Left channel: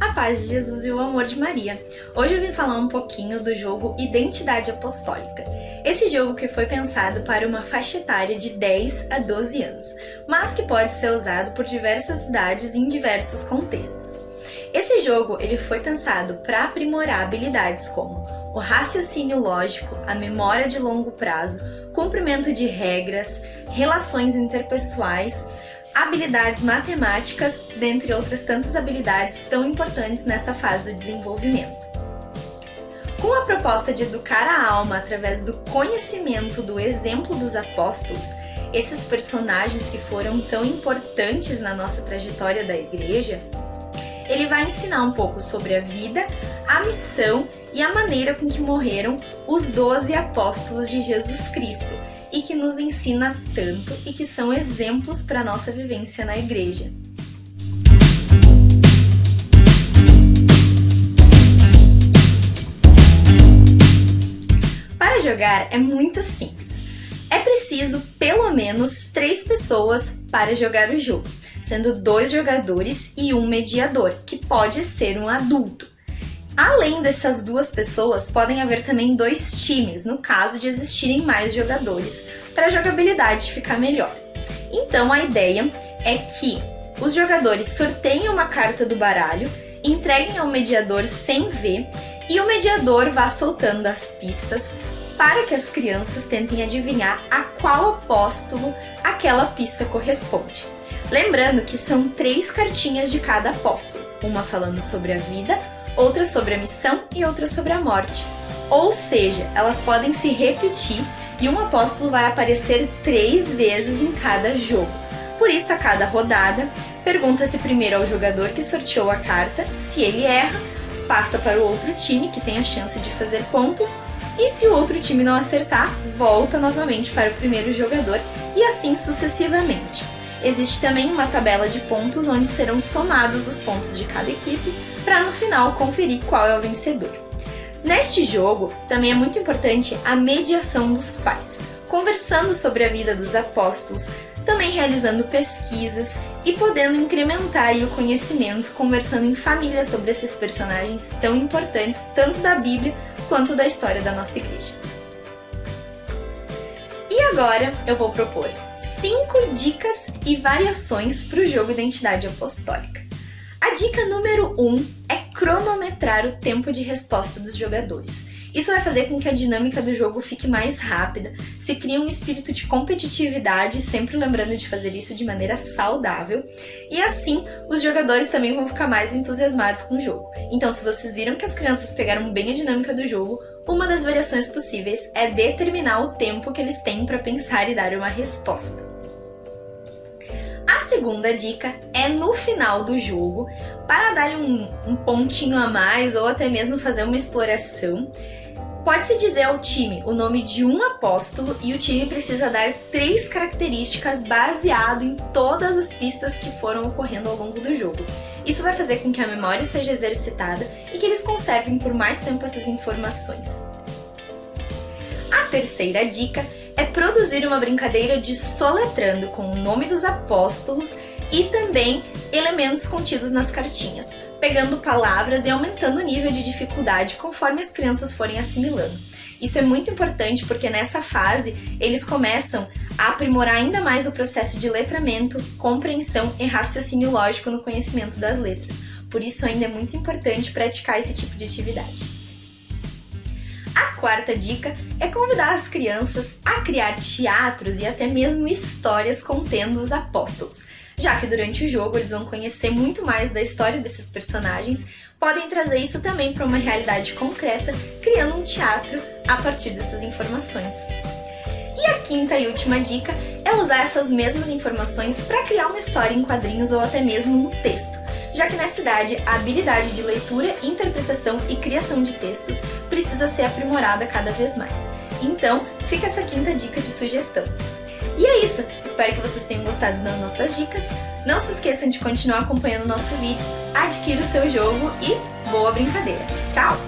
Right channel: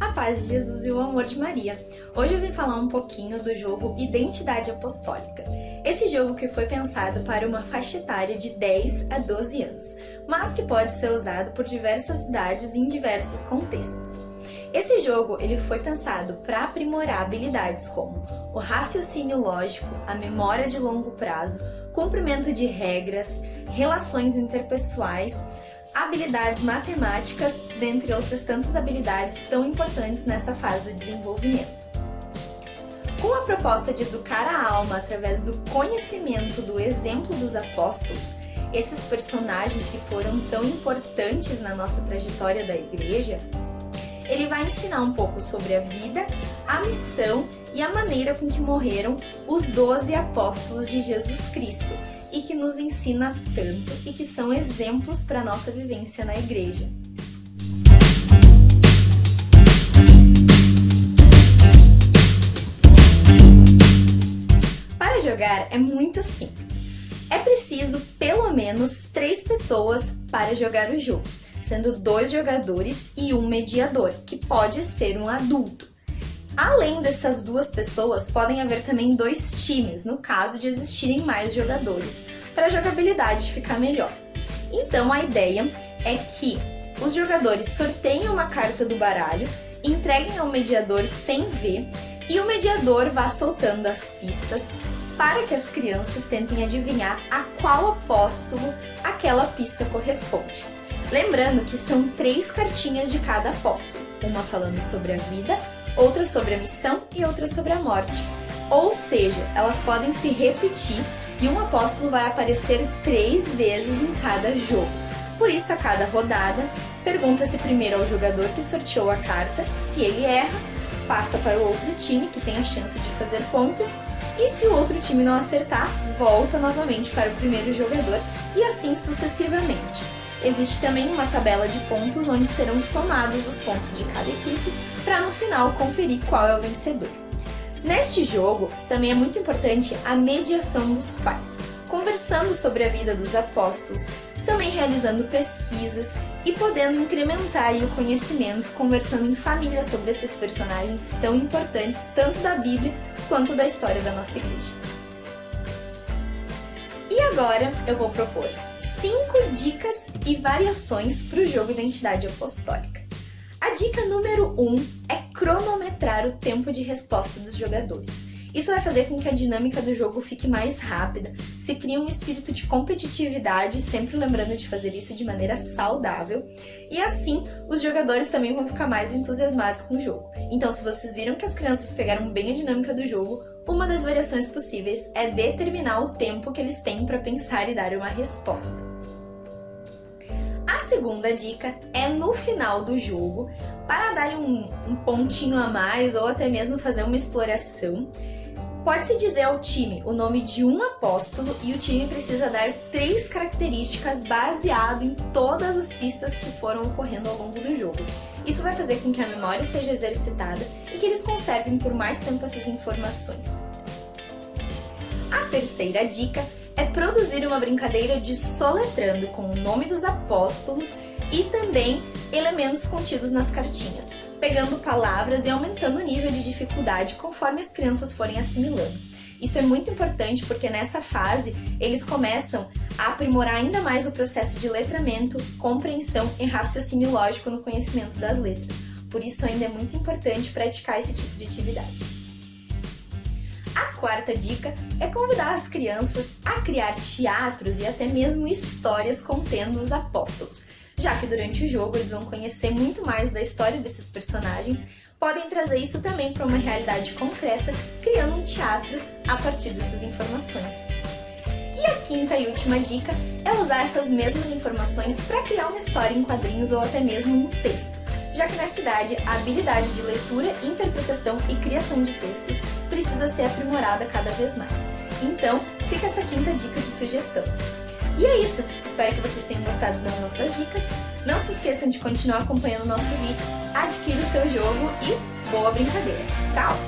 A paz de Jesus e o amor de Maria. Hoje eu vim falar um pouquinho do jogo Identidade Apostólica. Esse jogo que foi pensado para uma faixa etária de 10 a 12 anos, mas que pode ser usado por diversas idades em diversos contextos. Esse jogo ele foi pensado para aprimorar habilidades como o raciocínio lógico, a memória de longo prazo, cumprimento de regras, relações interpessoais, habilidades matemáticas, dentre outras tantas habilidades tão importantes nessa fase do desenvolvimento. Com a proposta de educar a alma através do conhecimento do exemplo dos apóstolos, esses personagens que foram tão importantes na nossa trajetória da igreja, ele vai ensinar um pouco sobre a vida, a missão e a maneira com que morreram os 12 apóstolos de Jesus Cristo, e que nos ensina tanto e que são exemplos para a nossa vivência na igreja. Para jogar é muito simples. É preciso pelo menos 3 pessoas para jogar o jogo, sendo 2 jogadores e um mediador, que pode ser um adulto. Além dessas 2 pessoas, podem haver também 2 times, no caso de existirem mais jogadores, para a jogabilidade ficar melhor. Então a ideia é que os jogadores sorteiem uma carta do baralho, entreguem ao mediador sem ver, e o mediador vá soltando as pistas para que as crianças tentem adivinhar a qual apóstolo aquela pista corresponde. Lembrando que são 3 cartinhas de cada apóstolo, uma falando sobre a vida, outra sobre a missão e outra sobre a morte. Ou seja, elas podem se repetir e um apóstolo vai aparecer 3 vezes em cada jogo. Por isso, a cada rodada, pergunta-se primeiro ao jogador que sorteou a carta, se ele erra, passa para o outro time que tem a chance de fazer pontos, e se o outro time não acertar, volta novamente para o primeiro jogador e assim sucessivamente. Existe também uma tabela de pontos onde serão somados os pontos de cada equipe para no final conferir qual é o vencedor. Neste jogo, também é muito importante a mediação dos pais, conversando sobre a vida dos apóstolos, também realizando pesquisas e podendo incrementar o conhecimento, conversando em família sobre esses personagens tão importantes, tanto da Bíblia quanto da história da nossa igreja. E agora eu vou propor 5 dicas e variações para o jogo Identidade Apostólica. A dica número 1 é cronometrar o tempo de resposta dos jogadores. Isso vai fazer com que a dinâmica do jogo fique mais rápida, se cria um espírito de competitividade, sempre lembrando de fazer isso de maneira saudável, e assim os jogadores também vão ficar mais entusiasmados com o jogo. Então, se vocês viram que as crianças pegaram bem a dinâmica do jogo, uma das variações possíveis é determinar o tempo que eles têm para pensar e dar uma resposta. A segunda dica é no final do jogo, para dar um pontinho a mais ou até mesmo fazer uma exploração, pode-se dizer ao time o nome de um apóstolo e o time precisa dar 3 características baseado em todas as pistas que foram ocorrendo ao longo do jogo. Isso vai fazer com que a memória seja exercitada e que eles conservem por mais tempo essas informações. A terceira dica é produzir uma brincadeira de soletrando com o nome dos apóstolos e também elementos contidos nas cartinhas, pegando palavras e aumentando o nível de dificuldade conforme as crianças forem assimilando. Isso é muito importante porque nessa fase eles começam a aprimorar ainda mais o processo de letramento, compreensão e raciocínio lógico no conhecimento das letras. Por isso ainda é muito importante praticar esse tipo de atividade. A quarta dica é convidar as crianças a criar teatros e até mesmo histórias contendo os apóstolos, já que durante o jogo eles vão conhecer muito mais da história desses personagens, podem trazer isso também para uma realidade concreta, criando um teatro a partir dessas informações. E a quinta e última dica é usar essas mesmas informações para criar uma história em quadrinhos ou até mesmo no texto, já que nessa idade a habilidade de leitura, interpretação e criação de textos precisa ser aprimorada cada vez mais. Então, fica essa quinta dica de sugestão. E é isso, espero que vocês tenham gostado das nossas dicas. Não se esqueçam de continuar acompanhando o nosso vídeo, adquira o seu jogo e boa brincadeira! Tchau!